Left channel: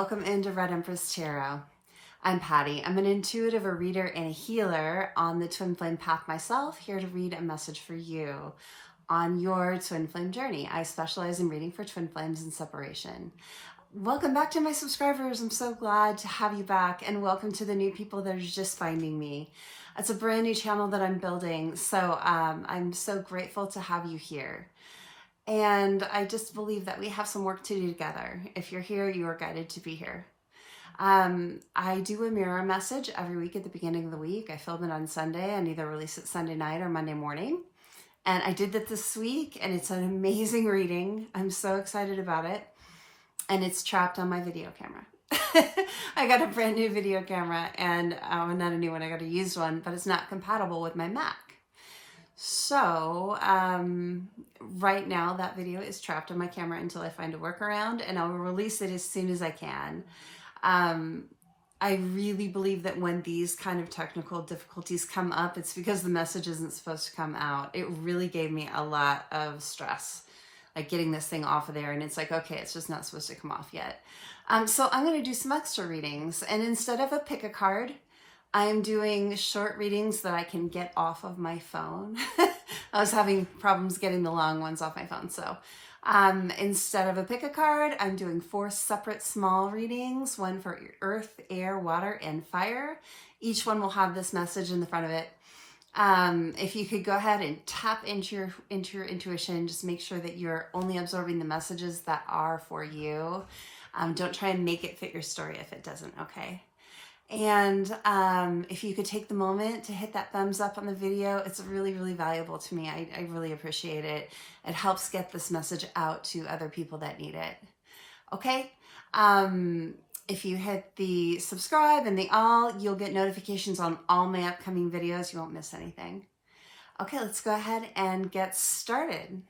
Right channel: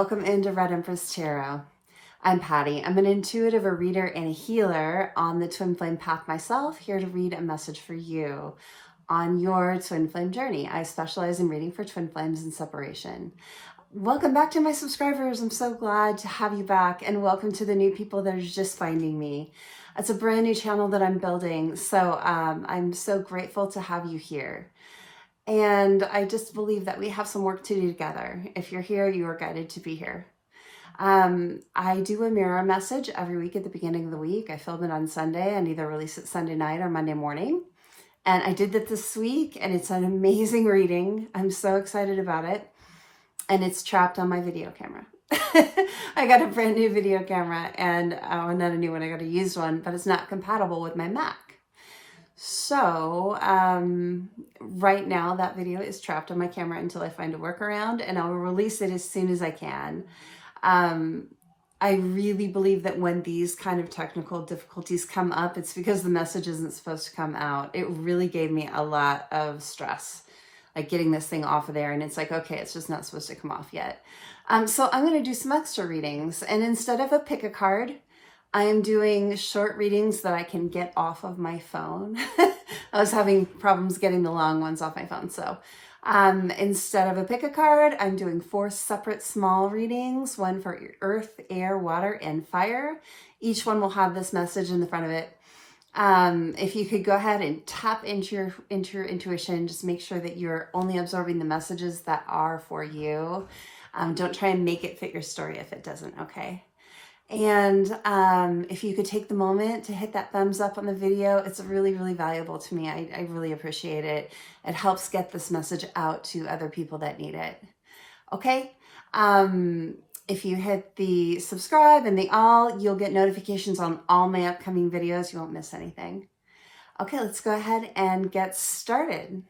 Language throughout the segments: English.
Welcome into Red Empress Tarot. I'm Patty. I'm an intuitive, a reader, and a healer on the Twin Flame path myself, here to read a message for you on your Twin Flame journey. I specialize in reading for Twin Flames and separation. Welcome back to my subscribers. I'm so glad to have you back, and welcome to the new people that are just finding me. It's a brand new channel that I'm building, so I'm so grateful to have you here. And I just believe that we have some work to do together. If you're here, you are guided to be here. I do a mirror message every week at the beginning of the week. I film it on Sunday and either release it Sunday night or Monday morning. And I did that this week, and it's an amazing reading. I'm so excited about it. And it's trapped on my video camera. I got a brand new video camera, and not a new one, I got a used one, but it's not compatible with my Mac. So right now that video is trapped on my camera until I find a workaround, and I'll release it as soon as I can. I really believe that when these kind of technical difficulties come up, it's because the message isn't supposed to come out. It really gave me a lot of stress, like getting this thing off of there, and it's like, okay, it's just not supposed to come off yet. So I'm going to do some extra readings, and instead of a pick a card, I am doing short readings that I can get off of my phone. I was having problems getting the long ones off my phone. So instead of a pick a card, I'm doing 4 separate small readings, one for earth, air, water, and fire. Each one will have this message in the front of it. If you could go ahead and tap into your intuition, just make sure that you're only absorbing the messages that are for you. Don't try and make it fit your story if it doesn't, okay? And if you could take the moment to hit that thumbs up on the video, it's really, really valuable to me. I really appreciate it. It helps get this message out to other people that need it. Okay? If you hit the subscribe and the all, you'll get notifications on all my upcoming videos. You won't miss anything. Okay, let's go ahead and get started.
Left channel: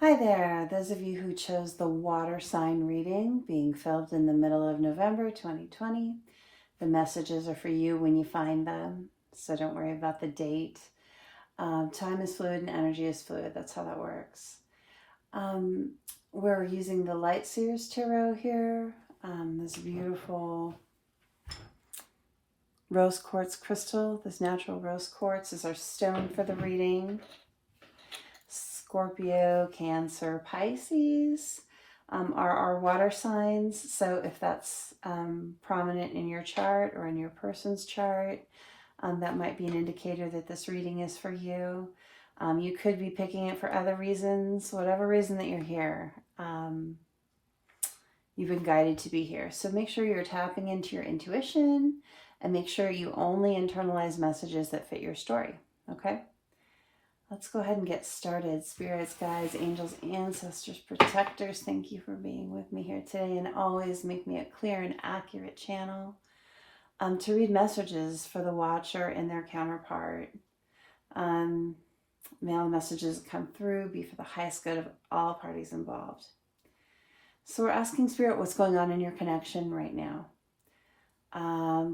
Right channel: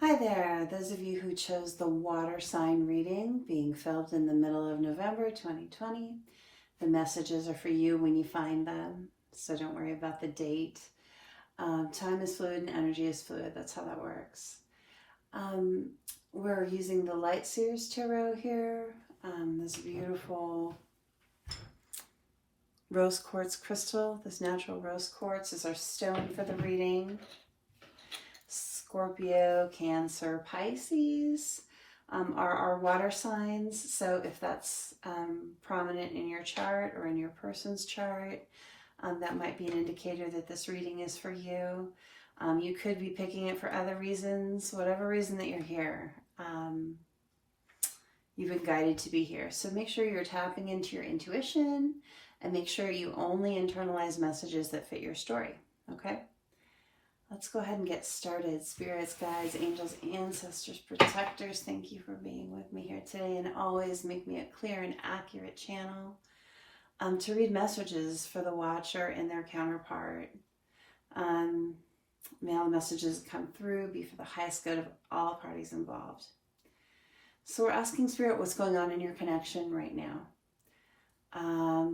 Hi there, those of you who chose the water sign reading being filmed in the middle of November 2020. The messages are for you when you find them, so don't worry about the date. Time is fluid and energy is fluid. That's how that works. We're using the Light Seers Tarot here. This beautiful rose quartz crystal. This natural rose quartz is our stone for the reading. Scorpio, Cancer, Pisces are our water signs. So if that's prominent in your chart or in your person's chart, that might be an indicator that this reading is for you. You could be picking it for other reasons, whatever reason that you're here. You've been guided to be here. So make sure you're tapping into your intuition and make sure you only internalize messages that fit your story, okay? Let's go ahead and get started. Spirits, guides, angels, ancestors, protectors, thank you for being with me here today, and always make me a clear and accurate channel to read messages for the watcher and their counterpart. May all messages come through be for the highest good of all parties involved. So we're asking Spirit what's going on in your connection right now.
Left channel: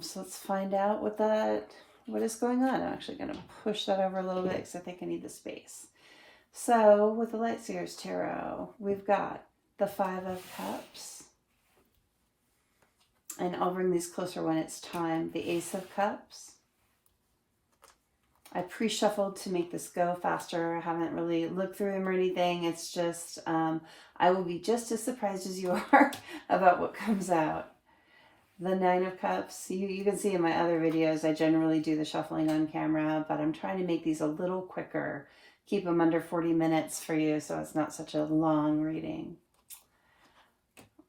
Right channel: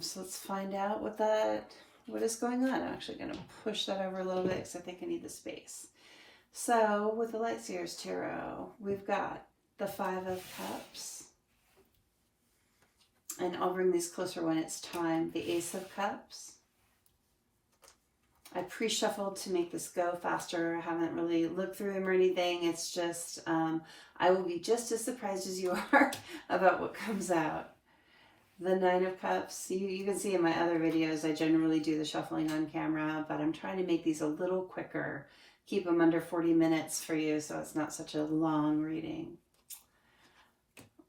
So let's find out what is going on. I'm actually going to push that over a little bit because I think I need the space. So with the Light Seers Tarot, we've got the 5 of Cups. And I'll bring these closer when it's time. The Ace of Cups. I pre-shuffled to make this go faster. I haven't really looked through them or anything. It's just, I will be just as surprised as you are about what comes out. The 9 of Cups, you can see in my other videos, I generally do the shuffling on camera, but I'm trying to make these a little quicker. Keep them under 40 minutes for you so it's not such a long reading.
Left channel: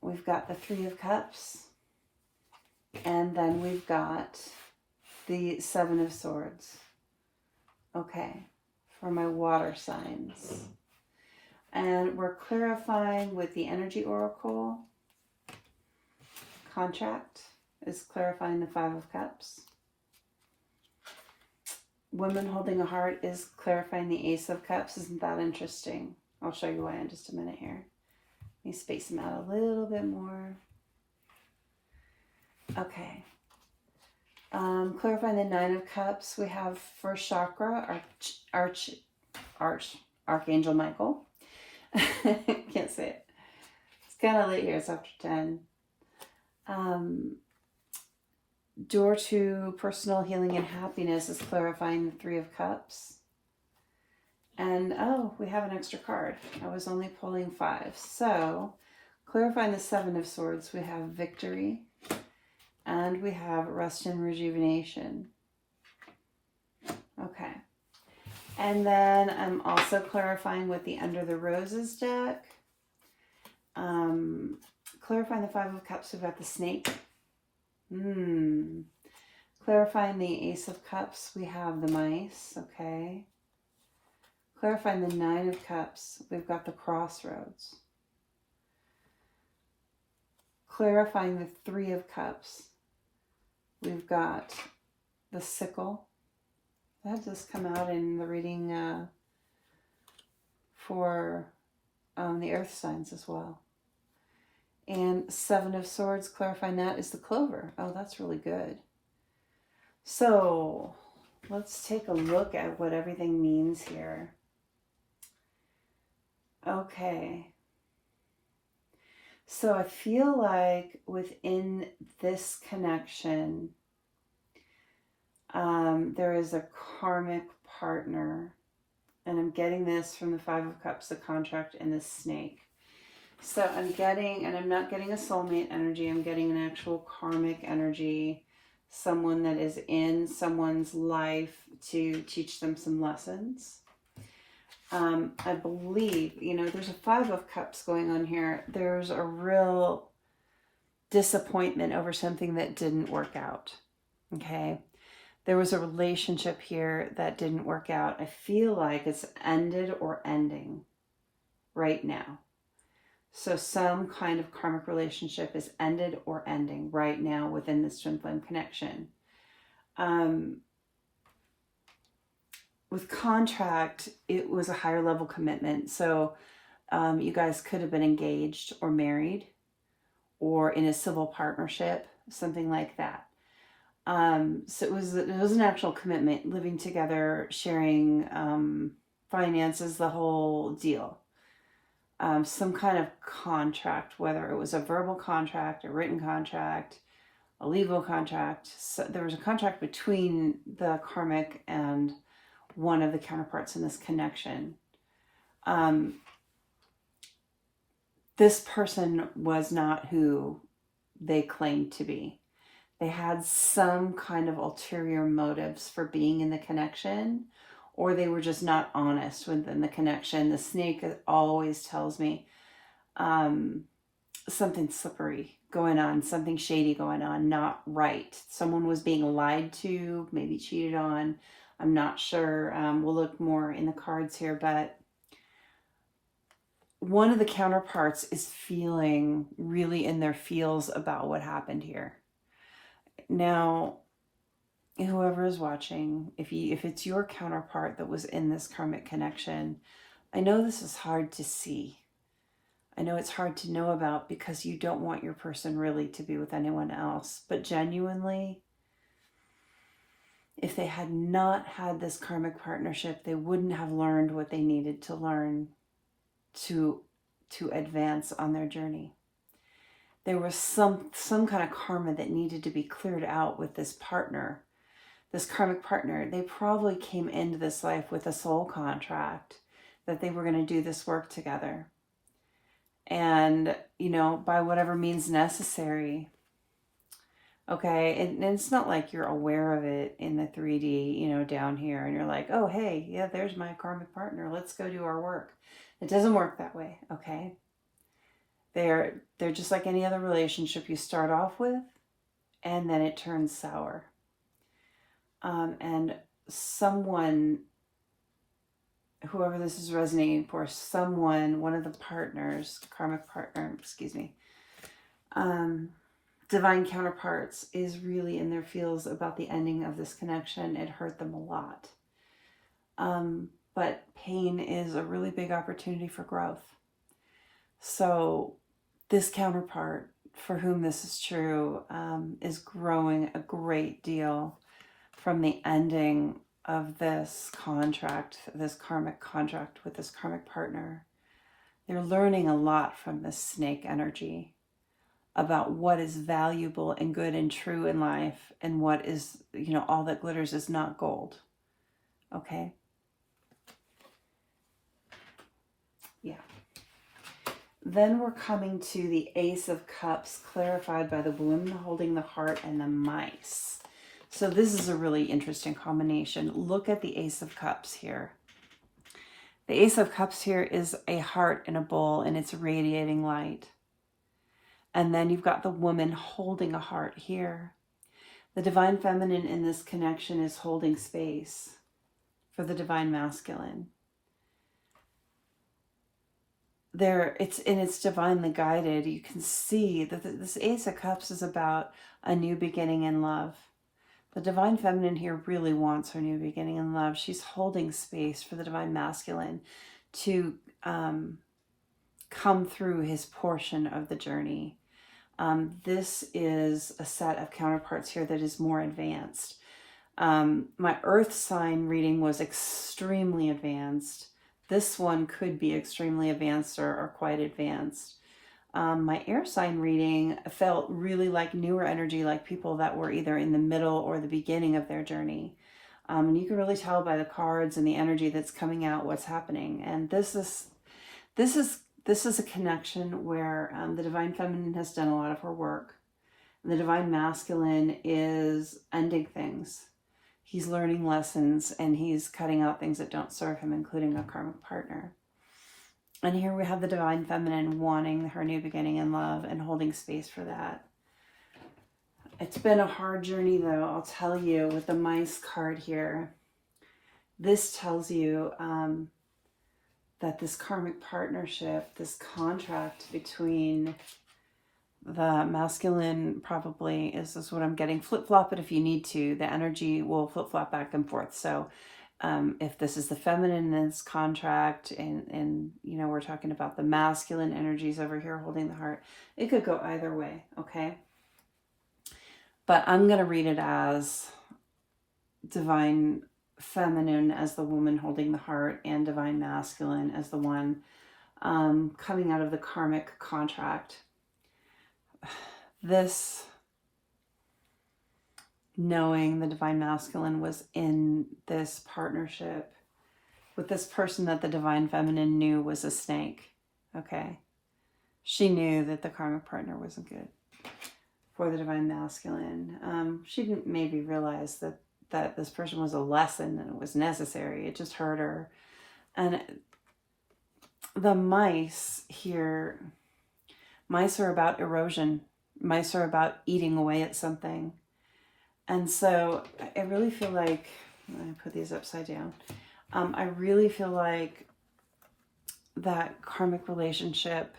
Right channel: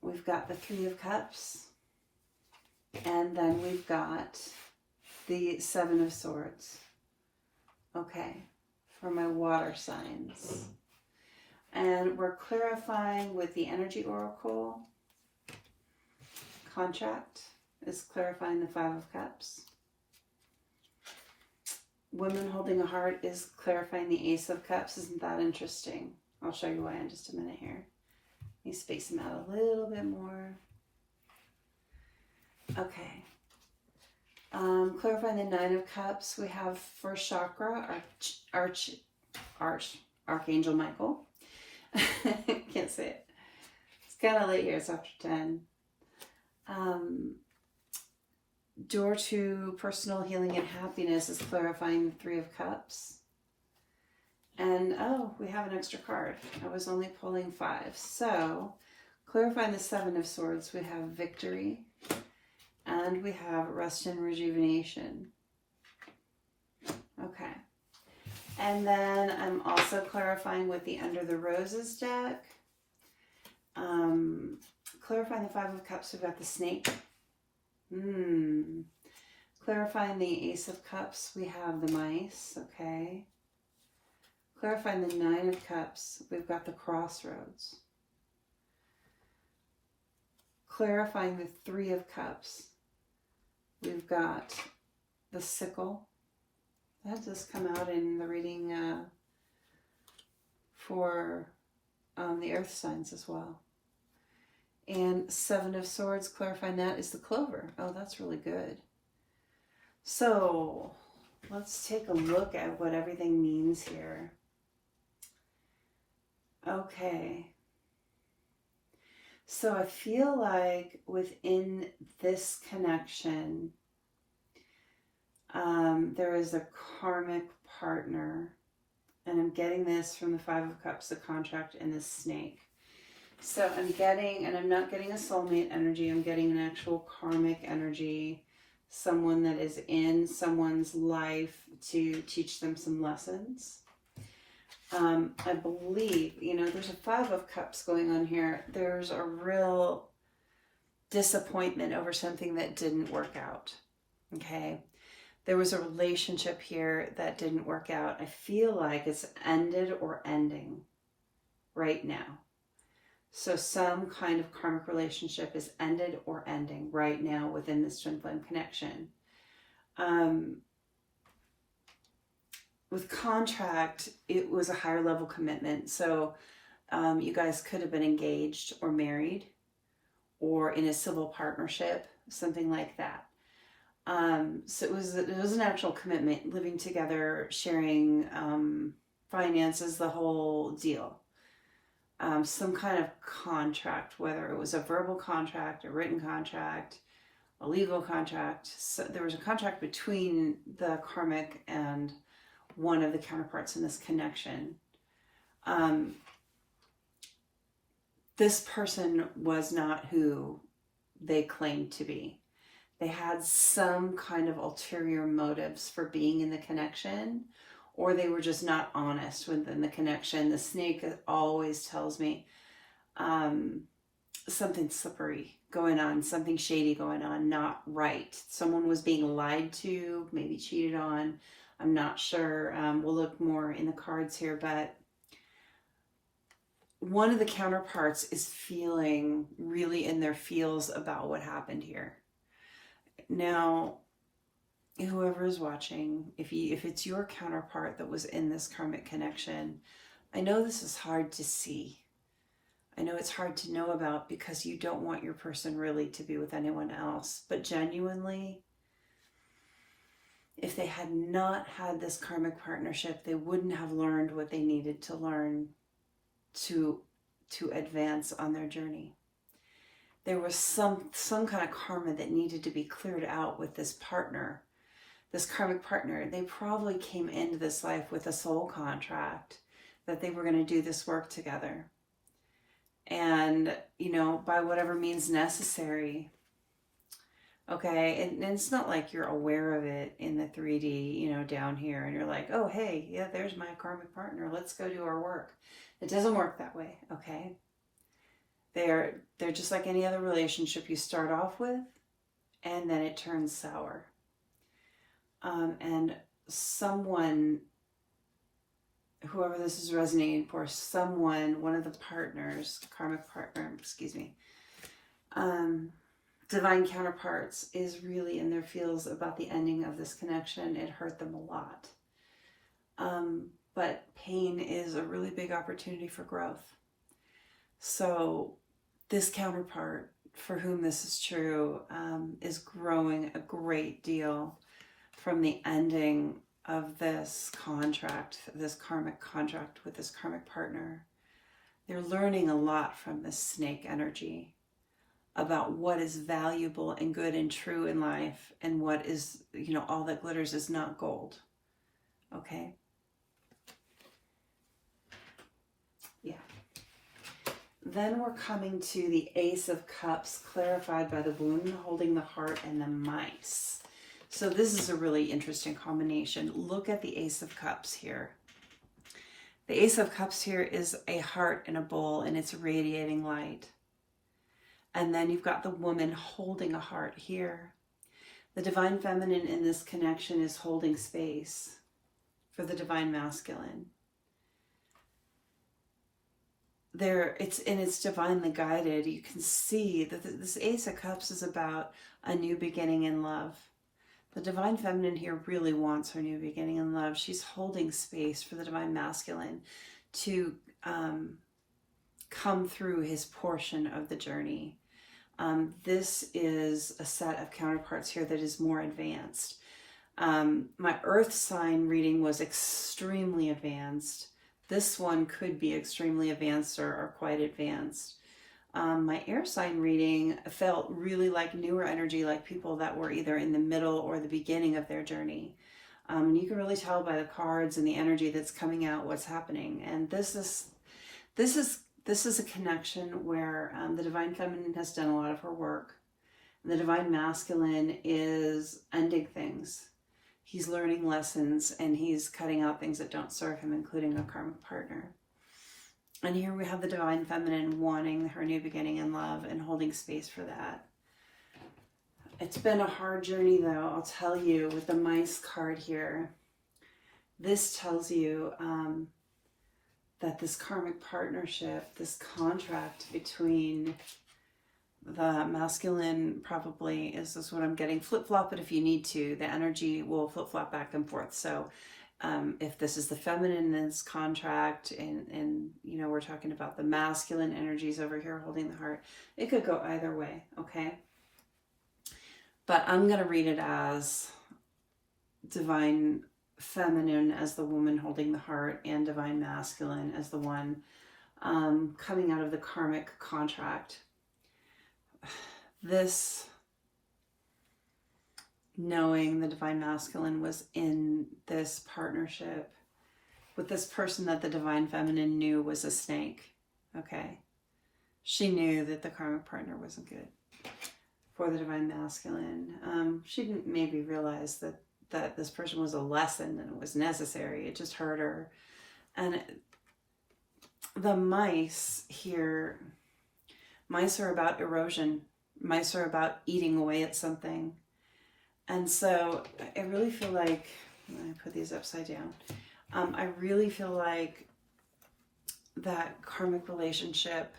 We've got the 3 of Cups, and then we've got the 7 of Swords. Okay, for my water signs. And we're clarifying with the Energy Oracle. Contract is clarifying the 5 of Cups. Women holding a heart is clarifying the Ace of Cups. Isn't that interesting? I'll show you why in just a minute here. Let me space them out a little bit more. Okay. Clarifying the 9 of Cups, we have first chakra, Archangel Michael. Can't say it. It's kind of late here. It's after 10. Door to personal healing and happiness is clarifying the Three of Cups. And, oh, we have an extra card. I was only pulling 5. So, clarifying the Seven of Swords, we have victory. And we have rest and rejuvenation. Okay. And then I'm also clarifying with the Under the Roses deck. Clarifying the Five of Cups, we've got the snake. Clarifying the Ace of Cups, we have the mice. Okay. Clarifying the Nine of Cups, we've got the crossroads. Clarifying the Three of Cups, we've got the sickle. That does come out in the reading for the earth signs as well. And Seven of Swords, clarifying that is the clover. Oh, that's really good. So let's take a look at what everything means here. Okay. So I feel like within this connection, there is a karmic partner. And I'm getting this from the Five of Cups, the contract, and the snake. So I'm getting, and I'm not getting a soulmate energy, I'm getting an actual karmic energy. Someone that is in someone's life to teach them some lessons. I believe, you know, there's a Five of Cups going on here. There's a real disappointment over something that didn't work out. Okay. There was a relationship here that didn't work out. I feel like it's ended or ending right now. So some kind of karmic relationship is ended or ending right now within this twin flame connection. With contract, it was a higher level commitment. So you guys could have been engaged or married or in a civil partnership, something like that. So it was an actual commitment, living together, sharing finances, the whole deal. Some kind of contract, whether it was a verbal contract, a written contract, a legal contract. So there was a contract between the karmic and one of the counterparts in this connection. This person was not who they claimed to be. They had some kind of ulterior motives for being in the connection, or they were just not honest within the connection. The snake always tells me something slippery going on, something shady going on, not right. Someone was being lied to, maybe cheated on. I'm not sure. We'll look more in the cards here, but one of the counterparts is feeling really in their feels about what happened here. Now, whoever is watching, if it's your counterpart that was in this karmic connection, I know this is hard to see. I know it's hard to know about because you don't want your person really to be with anyone else. But genuinely, if they had not had this karmic partnership, they wouldn't have learned what they needed to learn to advance on their journey. There was some kind of karma that needed to be cleared out with this partner, this karmic partner. They probably came into this life with a soul contract that they were going to do this work together. And, you know, by whatever means necessary. Okay, and it's not like you're aware of it in the 3D, you know, down here, and you're like, oh, hey, yeah, there's my karmic partner. Let's go do our work. It doesn't work that way, okay? They're just like any other relationship you start off with, and then it turns sour. And someone, whoever this is resonating for, someone, one of the partners, karmic partner, divine counterparts is really in their feels about the ending of this connection. It hurt them a lot. But pain is a really big opportunity for growth. So this counterpart, for whom this is true, is growing a great deal from the ending of this contract, this karmic contract with this karmic partner. They're learning a lot from this snake energy about what is valuable and good and true in life, and what is, you know, all that glitters is not gold. Okay? Yeah. Then we're coming to the Ace of Cups, clarified by the woman holding the heart and the mice. So this is a really interesting combination. Look at the Ace of Cups here. The Ace of Cups here is a heart in a bowl, and it's radiating light. And then you've got the woman holding a heart here. The divine feminine in this connection is holding space for the divine masculine. It's divinely guided. You can see that this Ace of Cups is about a new beginning in love. The divine feminine here really wants her new beginning in love. She's holding space for the divine masculine to come through his portion of the journey. This is a set of counterparts here that is more advanced. My earth sign reading was extremely advanced. This one could be extremely advanced or quite advanced. My air sign reading felt really like newer energy, like people that were either in the middle or the beginning of their journey. And you can really tell by the cards and the energy that's coming out what's happening. And this is a connection where the divine feminine has done a lot of her work. The divine masculine is ending things. He's learning lessons, and he's cutting out things that don't serve him, including a karmic partner. And here we have the divine feminine wanting her new beginning in love and holding space for that. It's been a hard journey, though, I'll tell you, with the mice card here. This tells you that this karmic partnership, this contract between the masculine probably is what I'm getting. Flip-flop it if you need to. The energy will flip-flop back and forth. So if this is the feminine in this contract, and you know, we're talking about the masculine energies over here holding the heart, it could go either way, okay? But I'm going to read it as divine feminine as the woman holding the heart, and divine masculine as the one coming out of the karmic contract. This knowing the divine masculine was in this partnership with this person that the divine feminine knew was a snake, okay? She knew that the karmic partner wasn't good for the divine masculine. She didn't maybe realize that this person was a lesson and it was necessary. It just hurt her. And the mice here, mice are about erosion. Mice are about eating away at something. And so I really feel like, I put these upside down. I really feel like that karmic relationship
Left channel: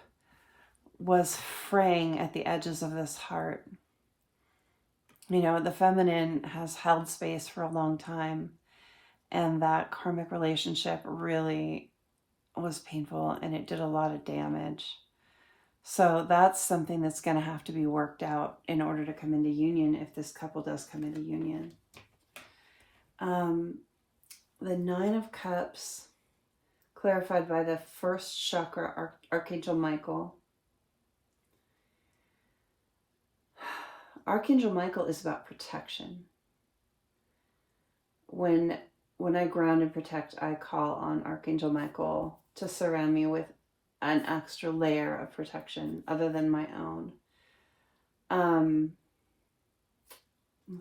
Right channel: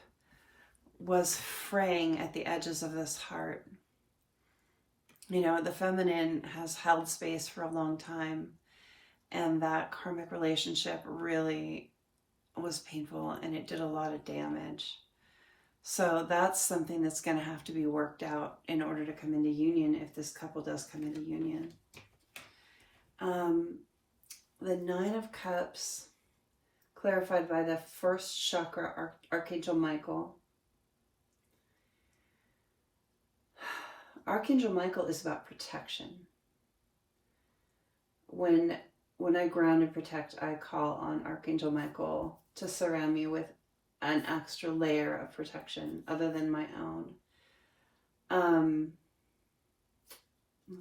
was fraying at the edges of this heart. You know, the feminine has held space for a long time, and that karmic relationship really was painful, and it did a lot of damage. So that's something that's going to have to be worked out in order to come into union, if this couple does come into union. The Nine of Cups, clarified by the first chakra, Archangel Michael. Archangel Michael is about protection. When I ground and protect, I call on Archangel Michael to surround me with an extra layer of protection other than my own.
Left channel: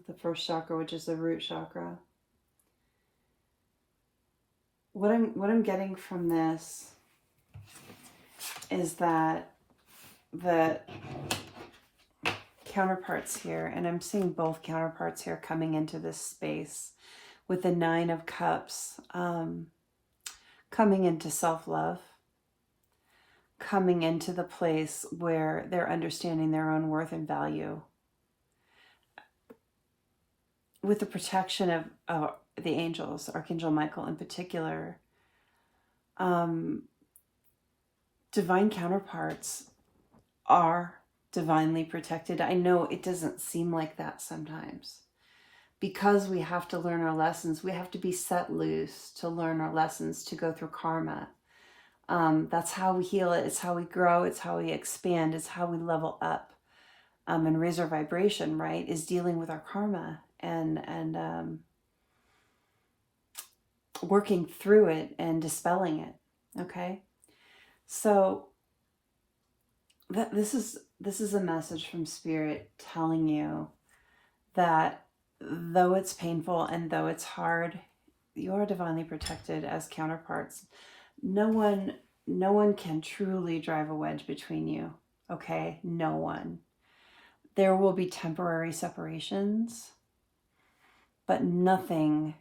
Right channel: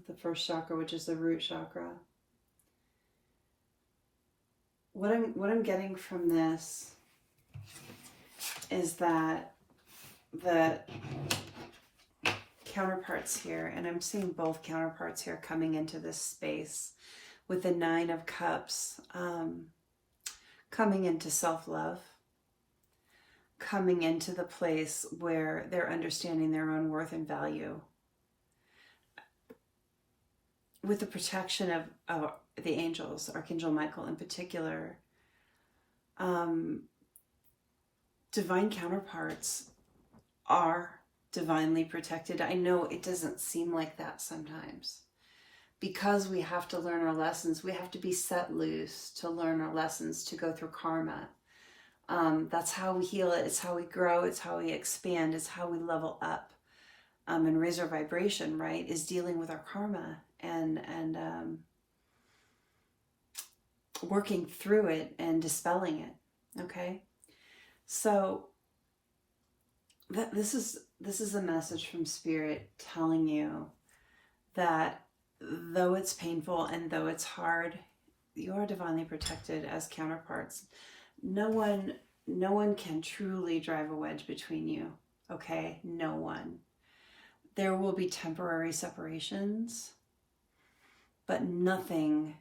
The first chakra, which is the root chakra. What I'm getting from this is that the counterparts here, and I'm seeing both counterparts here coming into this space with the Nine of Cups, coming into self-love, coming into the place where they're understanding their own worth and value. With the protection of the angels, Archangel Michael in particular, divine counterparts are divinely protected. I know it doesn't seem like that sometimes. Because we have to learn our lessons, we have to be set loose to learn our lessons, to go through karma. That's how we heal it. It's how we grow. It's how we expand. It's how we level up and raise our vibration, right? Is dealing with our karma and working through it and dispelling it. Okay, so this is a message from Spirit telling you that though it's painful and though it's hard, you are divinely protected as counterparts. No one can truly drive a wedge between you. Okay, no one. There will be temporary separations, but nothing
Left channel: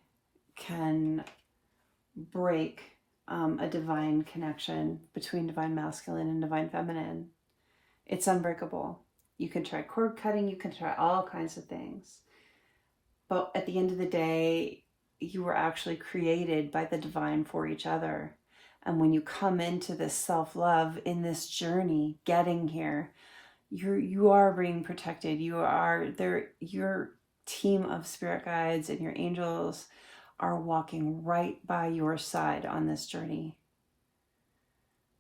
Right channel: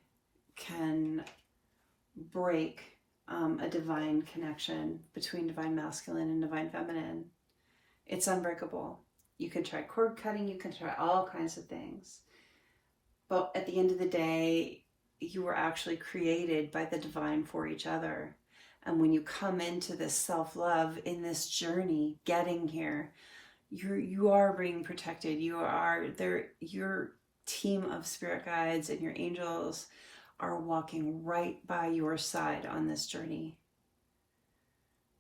can break a divine connection between divine masculine and divine feminine. It's unbreakable. You can try cord cutting, you can try all kinds of things. But at the end of the day, you were actually created by the divine for each other. And when you come into this self-love, in this journey, getting here, you are being protected. You are there. Your team of spirit guides and your angels are walking right by your side on this journey.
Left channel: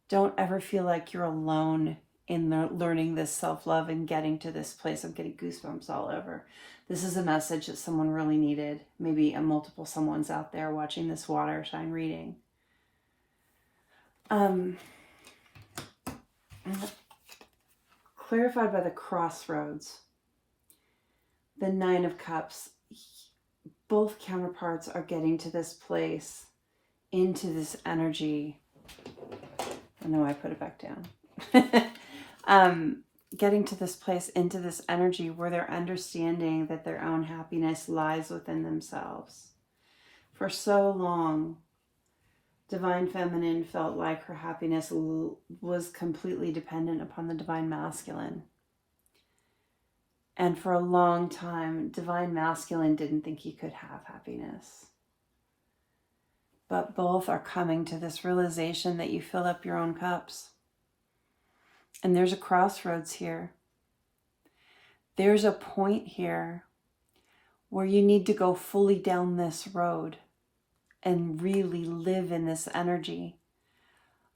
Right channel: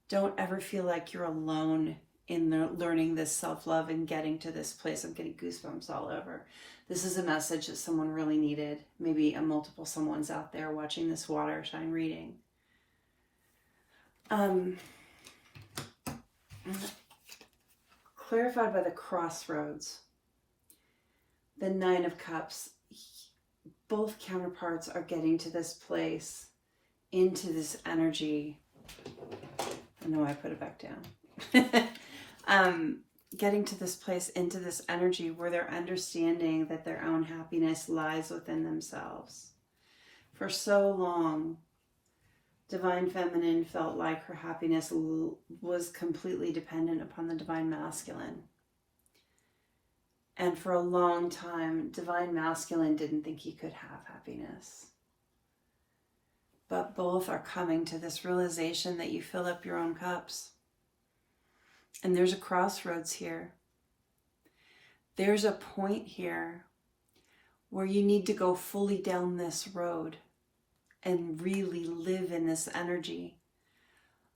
Don't ever feel like you're alone in learning this self-love and getting to this place. I'm getting goosebumps all over. This is a message that someone really needed. Maybe a multiple someone's out there watching this water sign reading. Clarified by the crossroads, the Nine of Cups. Both counterparts are getting to this place, into this energy. I know I put it back down. Getting to this place, into this energy where they're understanding that their own happiness lies within themselves. For so long, divine feminine felt like her happiness was completely dependent upon the divine masculine. And for a long time, divine masculine didn't think he could have happiness. But both are coming to this realization that you fill up your own cups. And there's a crossroads here. There's a point here where you need to go fully down this road and really live in this energy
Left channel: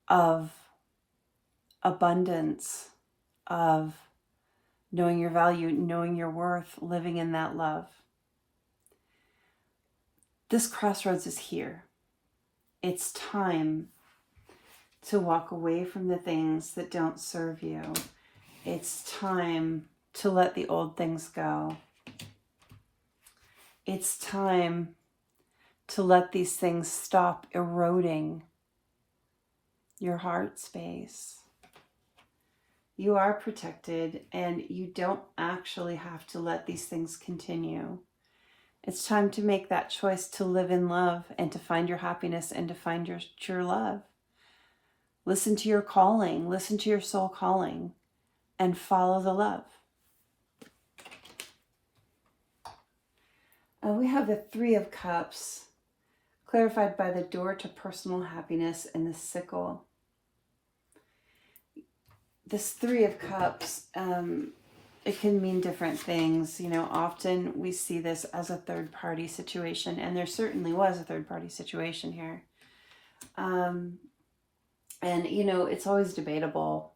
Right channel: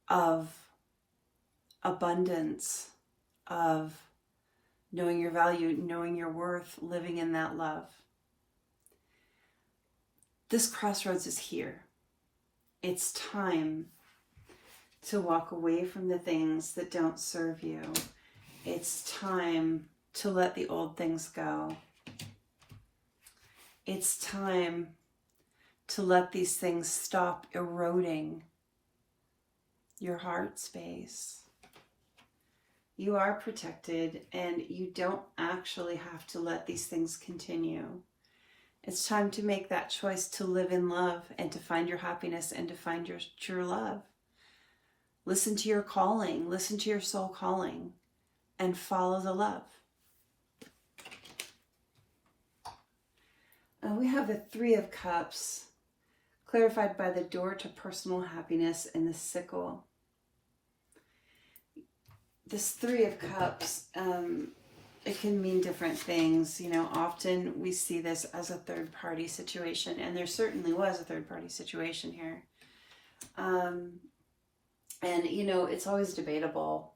of abundance, of knowing your value, knowing your worth, living in that love. This crossroads is here. It's time to walk away from the things that don't serve you. It's time to let the old things go. It's time to let these things stop eroding your heart space. You are protected, and you don't actually have to let these things continue. It's time to make that choice to live in love and to find your happiness and to find your true love. Listen to your calling, listen to your soul calling, and follow the love. We have the Three of Cups, clarified by the door to personal happiness and the sickle. This Three of Cups, it can mean different things. You know, often we see this as a third-party situation, and there certainly was a third-party situation here. And, you know, it's always debatable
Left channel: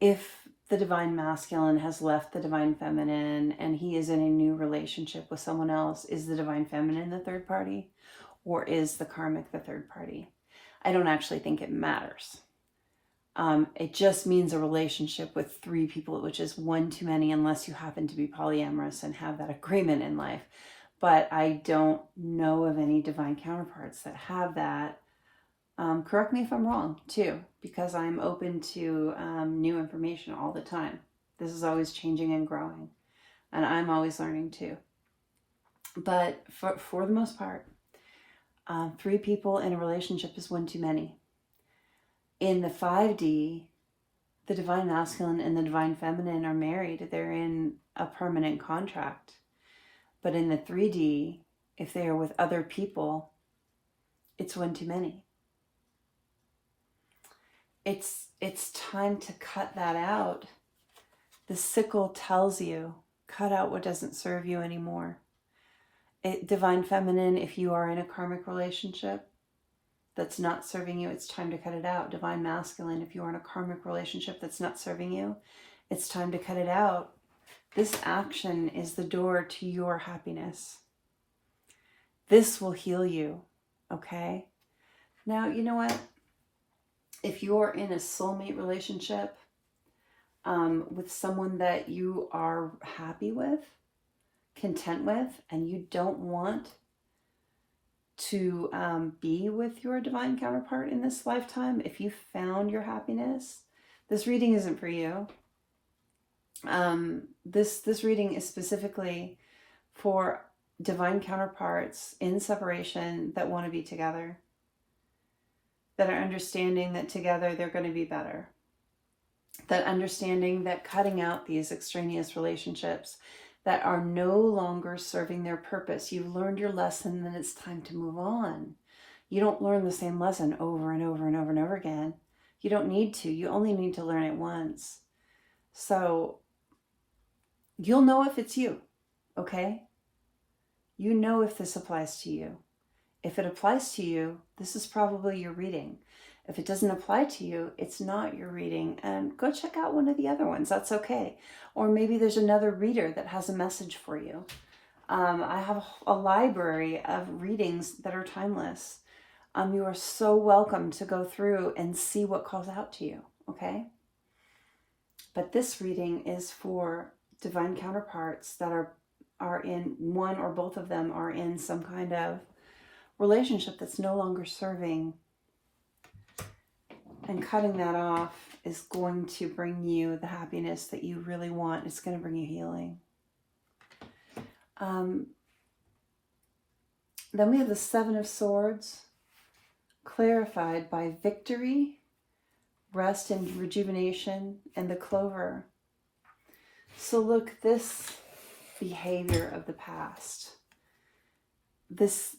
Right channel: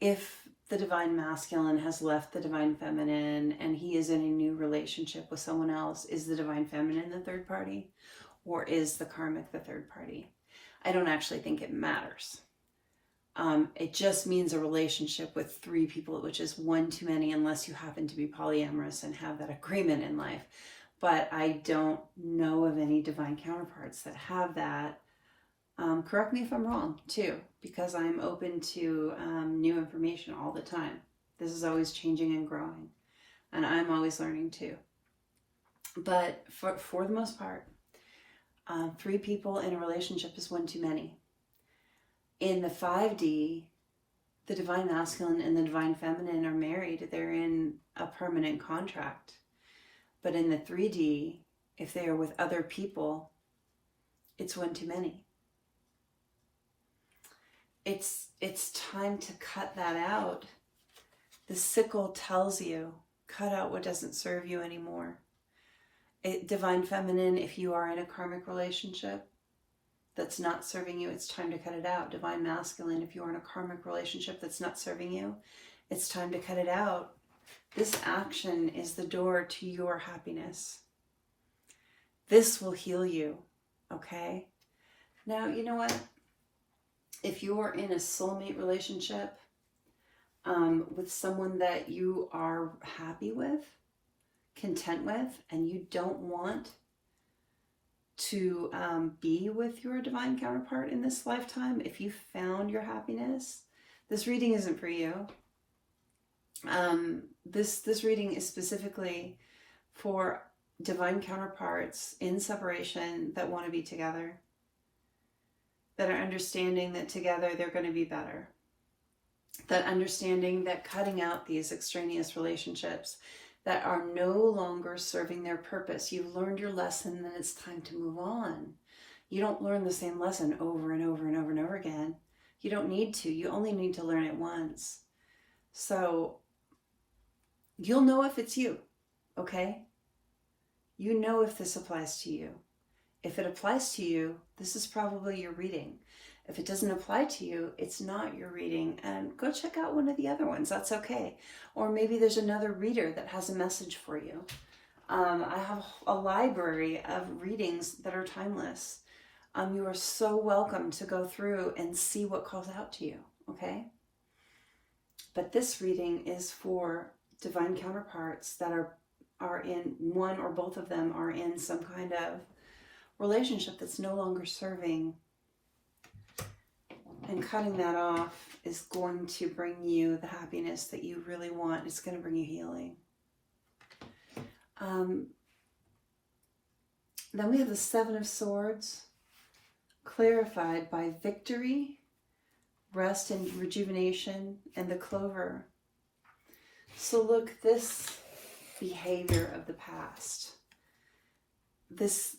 if the divine masculine has left the divine feminine and he is in a new relationship with someone else. Is the divine feminine the third party, or is the karmic the third party? I don't actually think it matters. It just means a relationship with three people, which is one too many unless you happen to be polyamorous and have that agreement in life. But I don't know of any divine counterparts that have that. Correct me if I'm wrong, too, because I'm open to new information all the time. This is always changing and growing, and I'm always learning, too. But for the most part, three people in a relationship is one too many. In the 5D, the divine masculine and the divine feminine are married. They're in a permanent contract. But in the 3D, if they are with other people, it's one too many. It's time to cut that out. The sickle tells you, cut out what doesn't serve you anymore. Divine feminine, if you are in a karmic relationship, that's not serving you, it's time to cut it out. Divine masculine, if you're in a karmic relationship that's not serving you, it's time to cut it out. This action is the door to your happiness. This will heal you, okay? Now, you know what? If you're in a soulmate relationship with someone that you are happy with, content with, and you don't want to be with your divine counterpart in this lifetime, if you found your happiness, this reading isn't for you. This reading is specifically for divine counterparts in separation that want to be together, that are understanding that together they're going to be better, that understanding that cutting out these extraneous relationships that are no longer serving their purpose. You've learned your lesson, and it's time to move on. You don't learn the same lesson over and over and over and over again. You don't need to. You only need to learn it once. So you'll know if it's you, okay? You know if this applies to you. If it applies to you, this is probably your reading. If it doesn't apply to you, it's not your reading. And go check out one of the other ones. That's okay. Or maybe there's another reader that has a message for you. I have a library of readings that are timeless. You are so welcome to go through and see what calls out to you, okay? But this reading is for divine counterparts that are in, one or both of them are in some kind of relationship that's no longer serving. And cutting that off is going to bring you the happiness that you really want. It's going to bring you healing. Then we have the Seven of Swords, clarified by victory, rest and rejuvenation, and the clover. So look, this behavior of the past, this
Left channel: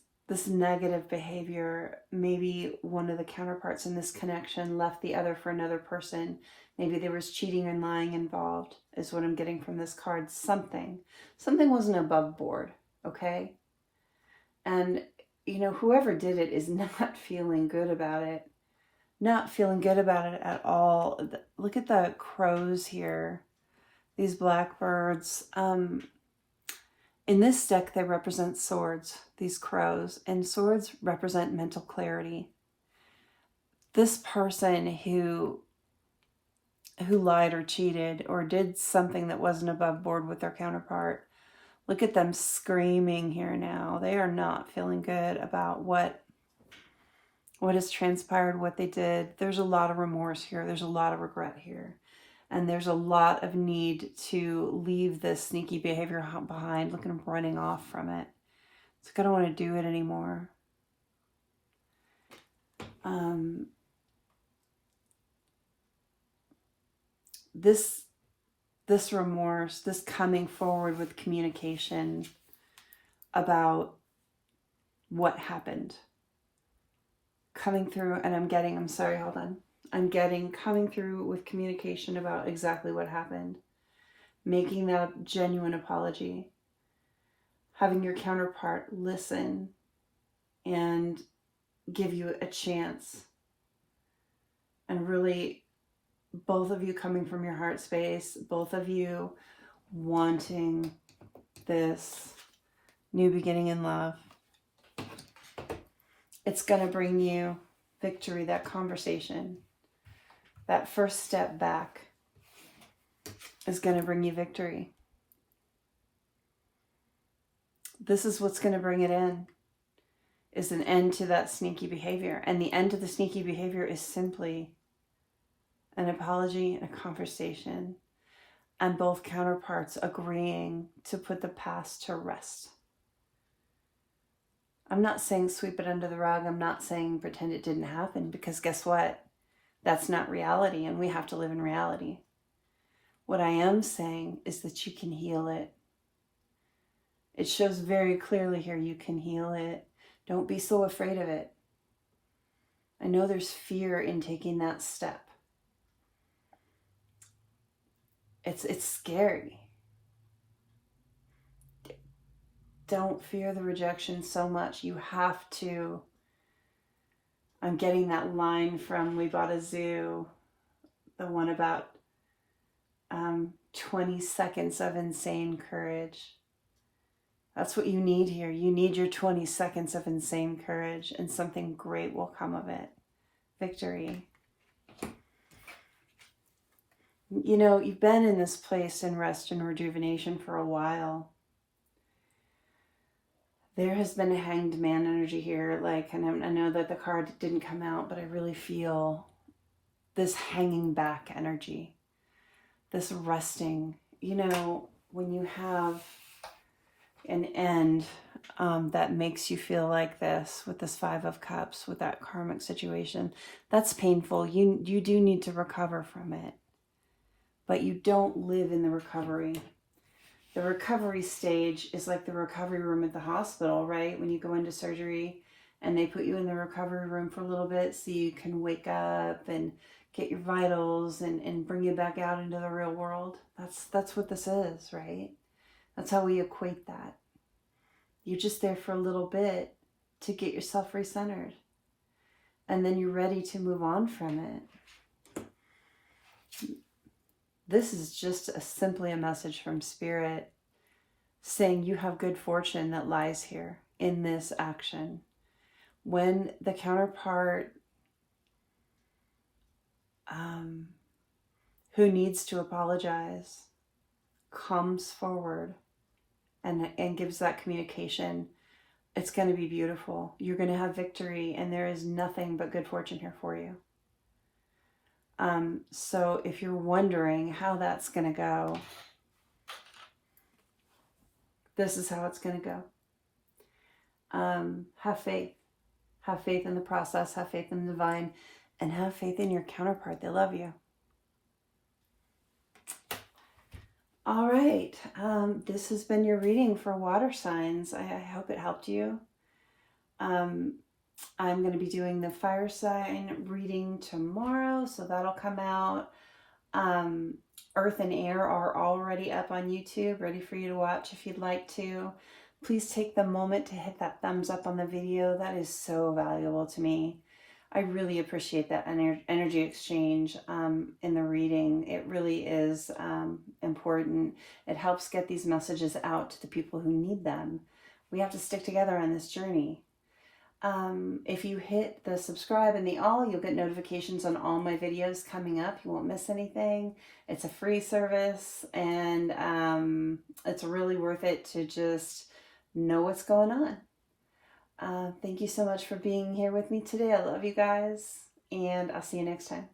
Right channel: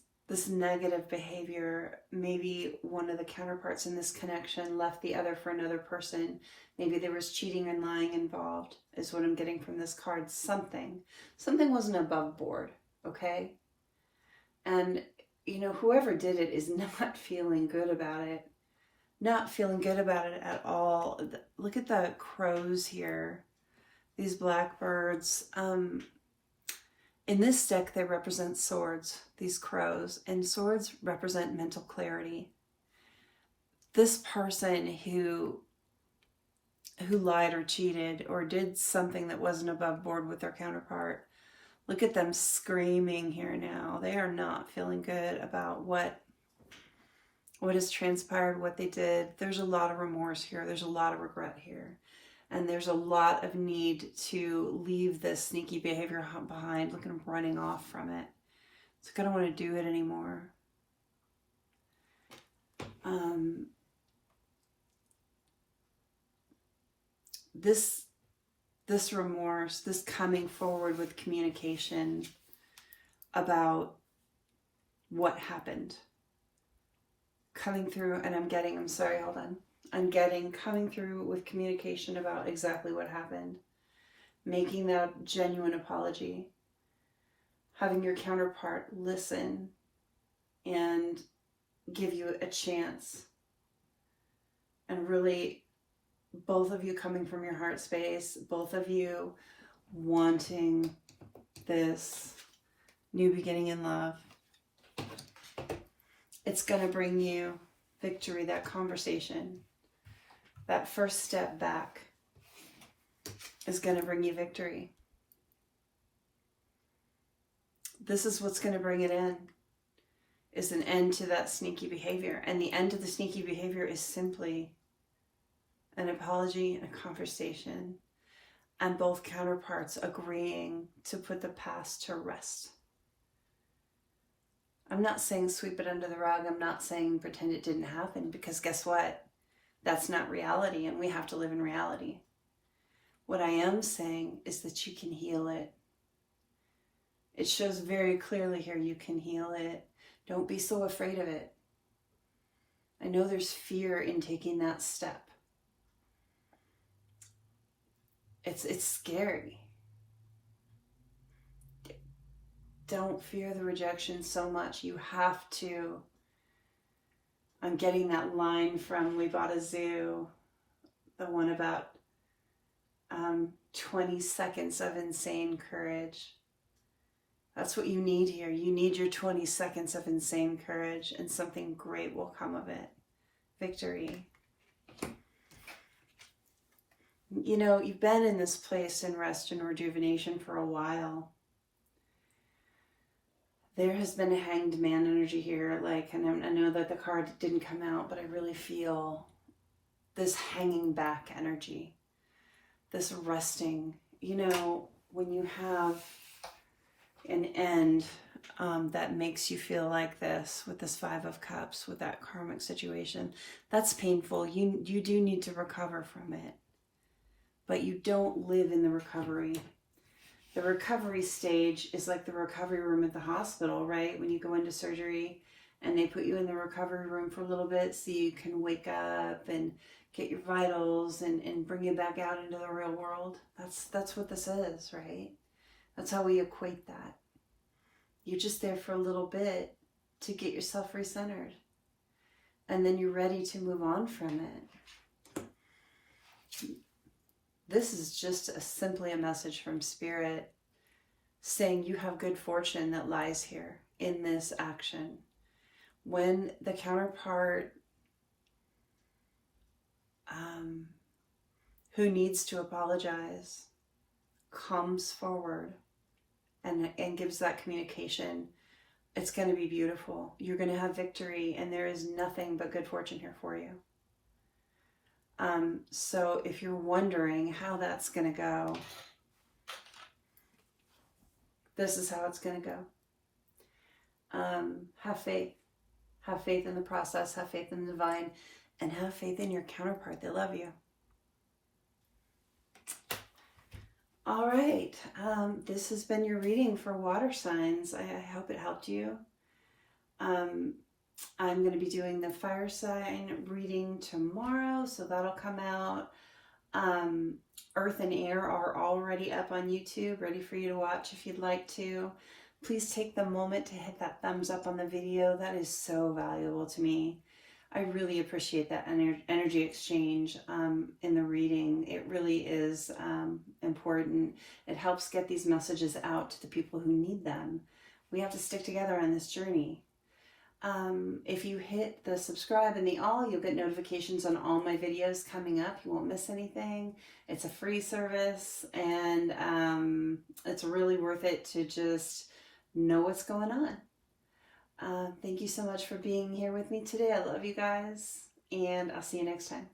negative behavior, maybe one of the counterparts in this connection left the other for another person. Maybe there was cheating and lying involved, is what I'm getting from this card. Something wasn't above board, okay? And, you know, whoever did it is not feeling good about it. Not feeling good about it at all. Look at the crows here. These blackbirds. In this deck, they represent swords, these crows, and swords represent mental clarity. This person who lied or cheated or did something that wasn't above board with their counterpart, look at them screaming here now. They are not feeling good about what has transpired, what they did. There's a lot of remorse here. There's a lot of regret here. And there's a lot of need to leave this sneaky behavior behind. Look at him running off from it. It's like, I don't want to do it anymore. This remorse, this coming forward with communication about what happened. Coming through, and I'm getting coming through with communication about exactly what happened. Making that genuine apology. Having your counterpart listen and give you a chance. And really, both of you coming from your heart space, both of you wanting this new beginning in love. It's going to bring you victory, that conversation. That first step back is going to bring you victory. This is what's going to bring it in, is an end to that sneaky behavior. And the end to the sneaky behavior is simply an apology and a conversation, and both counterparts agreeing to put the past to rest. I'm not saying sweep it under the rug. I'm not saying pretend it didn't happen, because guess what? That's not reality, and we have to live in reality. What I am saying is that you can heal it. It shows very clearly here you can heal it. Don't be so afraid of it. I know there's fear in taking that step. It's scary. Don't fear the rejection so much. You have to I'm getting that line from We Bought a Zoo, the one about 20 seconds of insane courage. That's what you need here. You need your 20 seconds of insane courage, and something great will come of it. Victory. You know, you've been in this place in rest and rejuvenation for a while. There has been a hanged man energy here. Like, and I know that the card didn't come out, but I really feel this hanging back energy, this resting. You know, when you have an end that makes you feel like this, with this Five of Cups, with that karmic situation, that's painful. You do need to recover from it, but you don't live in the recovery. The recovery stage is like the recovery room at the hospital, right? When you go into surgery and they put you in the recovery room for a little bit so you can wake up and get your vitals and bring you back out into the real world. That's what this is, right? That's how we equate that. You're just there for a little bit to get yourself recentered. And then you're ready to move on from it. This is just simply a message from Spirit saying you have good fortune that lies here in this action. When the counterpart who needs to apologize comes forward and gives that communication, it's going to be beautiful. You're going to have victory, and there is nothing but good fortune here for you. So if you're wondering how that's going to go, this is how it's going to go. Have faith. Have faith in the process. Have faith in the divine. And have faith in your counterpart. They love you. All right. This has been your reading for water signs. I hope it helped you. I'm going to be doing the fire sign reading tomorrow, so that'll come out. Earth and air are already up on YouTube, ready for you to watch if you'd like to. Please take the moment to hit that thumbs up on the video. That is so valuable to me. I really appreciate that energy exchange in the reading. It really is important. It helps get these messages out to the people who need them. We have to stick together on this journey. If you hit the subscribe and the all, you'll get notifications on all my videos coming up. You won't miss anything. It's a free service, and it's really worth it to just know what's going on. Thank you so much for being here with me today. I love you guys, and I'll see you next time.